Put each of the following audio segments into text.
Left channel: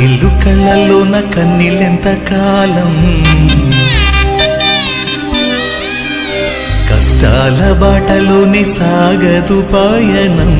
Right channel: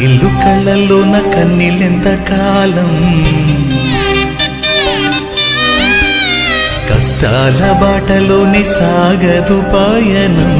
చెమ్మగిల్లు కళ్ళల్లోన కన్నీళ్ళెంత కాలం, కష్టాల బాటలోనే సాగదు పయనం.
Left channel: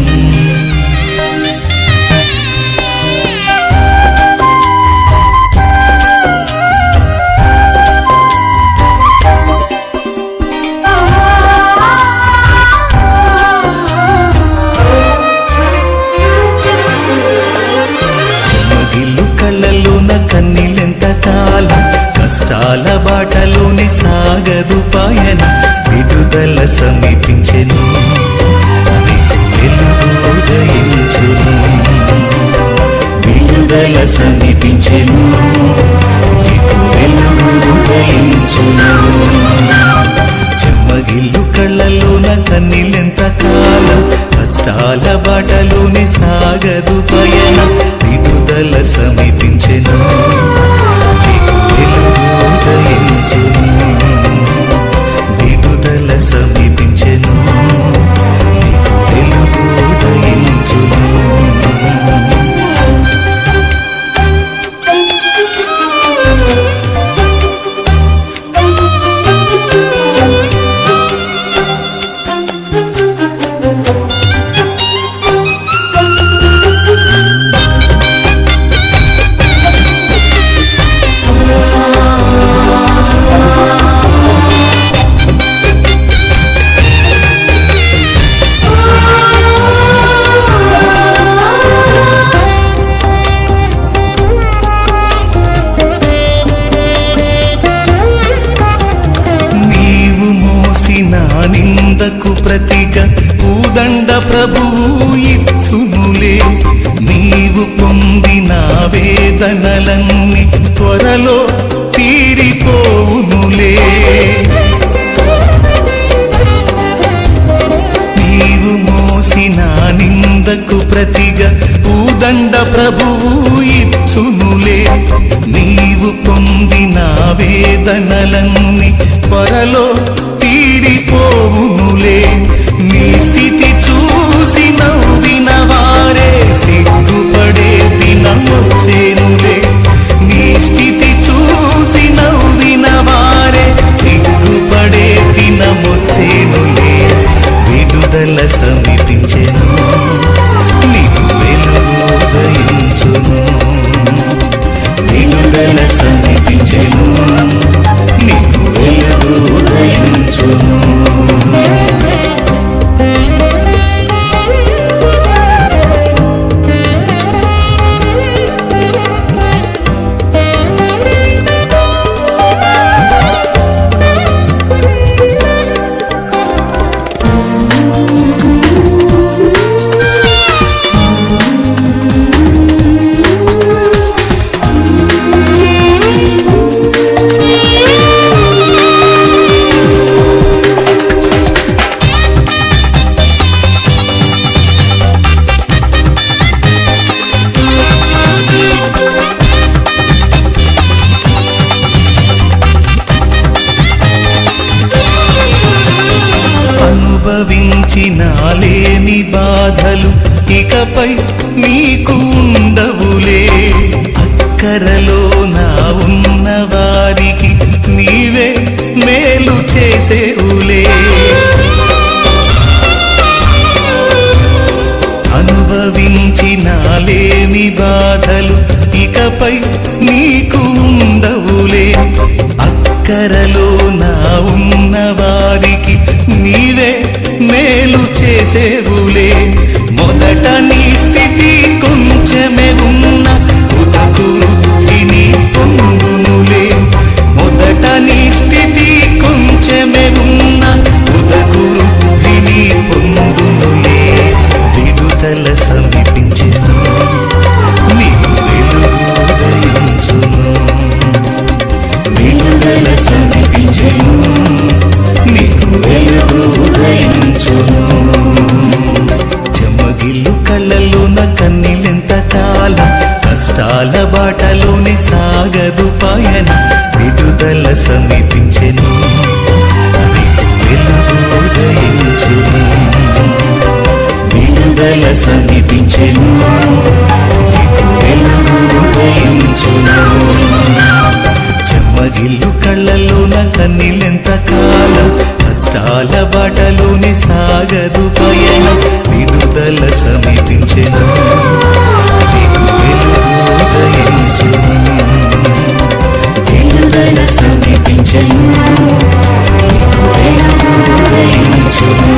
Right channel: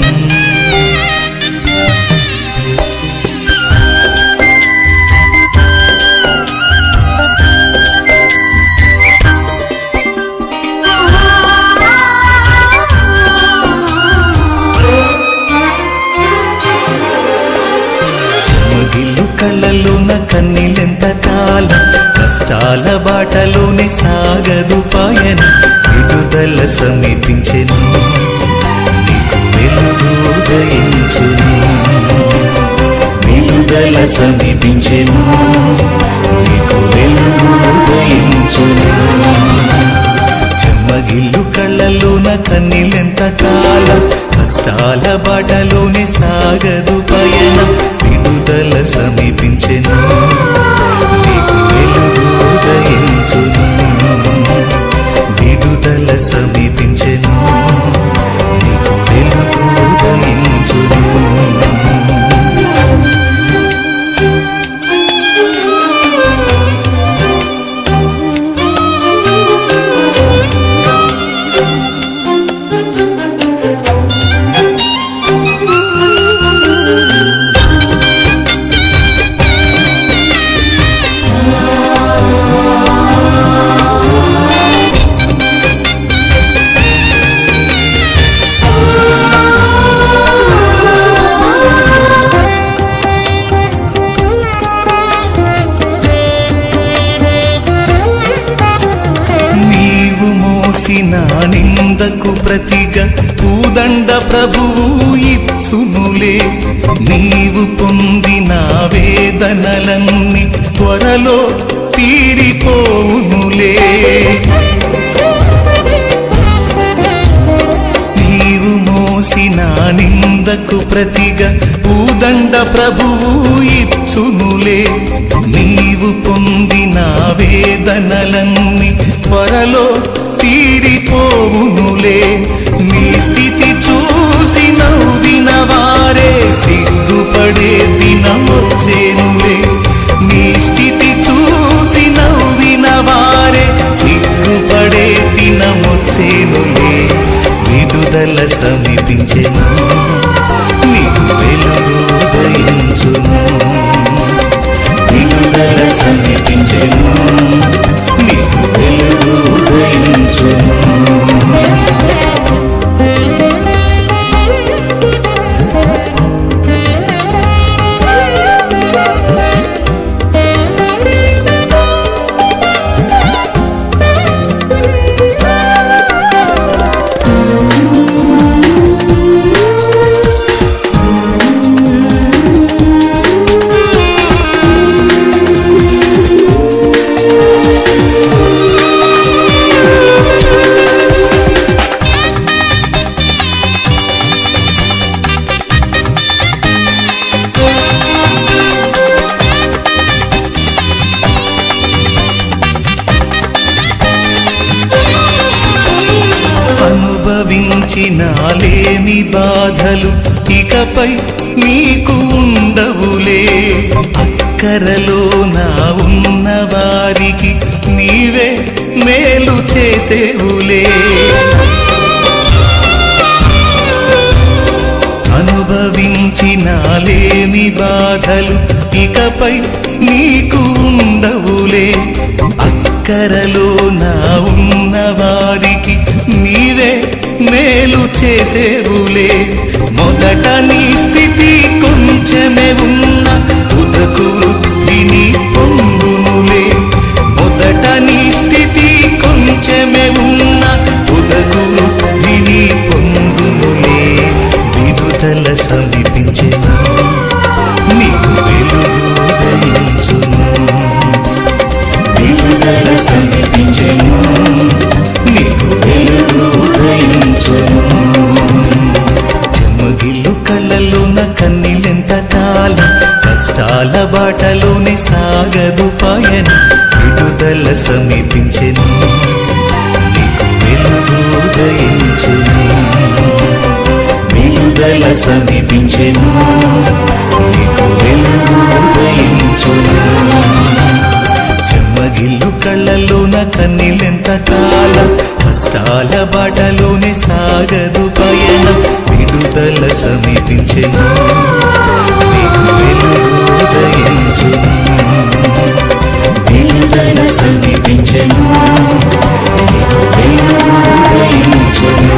చెమ్మగిల్లు కళ్ళల్లోన కన్నీళ్ళెంత కాలం, కష్టాల బాటలోనే సాగదు పయనం. విడుదల సమీపించెను, నీకు వెలుగు ఉదయించును. విడుదల సమీపించెను, నీకు వెలుగు ఉదయించును. చెమ్మగిల్లు కళ్ళల్లోన కన్నీళ్ళెంత కాలం, కష్టాల బాటలోనే సాగదు పయనం. విడుదల సమీపించెను, నీకు వెలుగు ఉదయించును. విడుదల సమీపించెను, నీకు వెలుగు ఉదయించును. నా నిందకు ప్రతిగా పూదండ ప్రభువు ఇచ్చునులే. నీవు పొందిన వేదనలన్నీ త్వరలో తీరిపోవునులే. నీవు మోసిన నిందకు ప్రతిగా పూదండ ప్రభువు ఇచ్చునులే. నీవు పొందిన వేదనలన్నీ త్వరలో తీరిపోవునులే. నీ స్థితి చూసి నవ్విన వారే సిగ్గుపడే దినమొచ్చేనులే. నీ స్థితి చూసి నవ్విన వారే సిగ్గుపడే దినమొచ్చేనులే. విడుదల సమీపించెను, నీకు వెలుగు ఉదయించును. విడుదల సమీపించెను, నీకు వెలుగు ఉదయించును. అనుభవించినాలేమి బాధలు ఇకపై నీకు ఉండవులే. అక్కరలో నా ఉన్న వారికి నీవే మేలు చేసేవులే. అనుభవించినాలేమి బాధలు ఇకపై నీకు ఉండవులే. అక్కరలో నా ఉన్న వారికి నీవే మేలు చేసేవులే. మొదట నీ స్థితి కొంచెమే ఉన్న తుదకు వృద్ధిని పొందునులే. మొదట నీ స్థితి కొంచెమే ఉన్న తుదకు వృద్ధిని పొందునులే. విడుదల సమీపించెను, నీకు వెలుగు ఉదయించును. విడుదల సమీపించెను, నీకు వెలుగు ఉదయించును. చెమ్మగిల్లు కళ్ళల్లోన కన్నీళ్ళెంత కాలం, కష్టాల బాటలోనే సాగదు పయనం. విడుదల సమీపించెను, నీకు వెలుగు ఉదయించును. విడుదల సమీపించెను, నీకు వెలుగు ఉదయించును. చెమ్మగిల్లు కళ్ళలోన కన్నీళ్ళెంత కాలం, కష్టాల బాటలోనే సాగదు పయనం, విడుదల సమీపించెను, నీకు వెలుగు ఉదయించును. విడుదల సమీపించెను, నీకు వెలుగు ఉదయించును.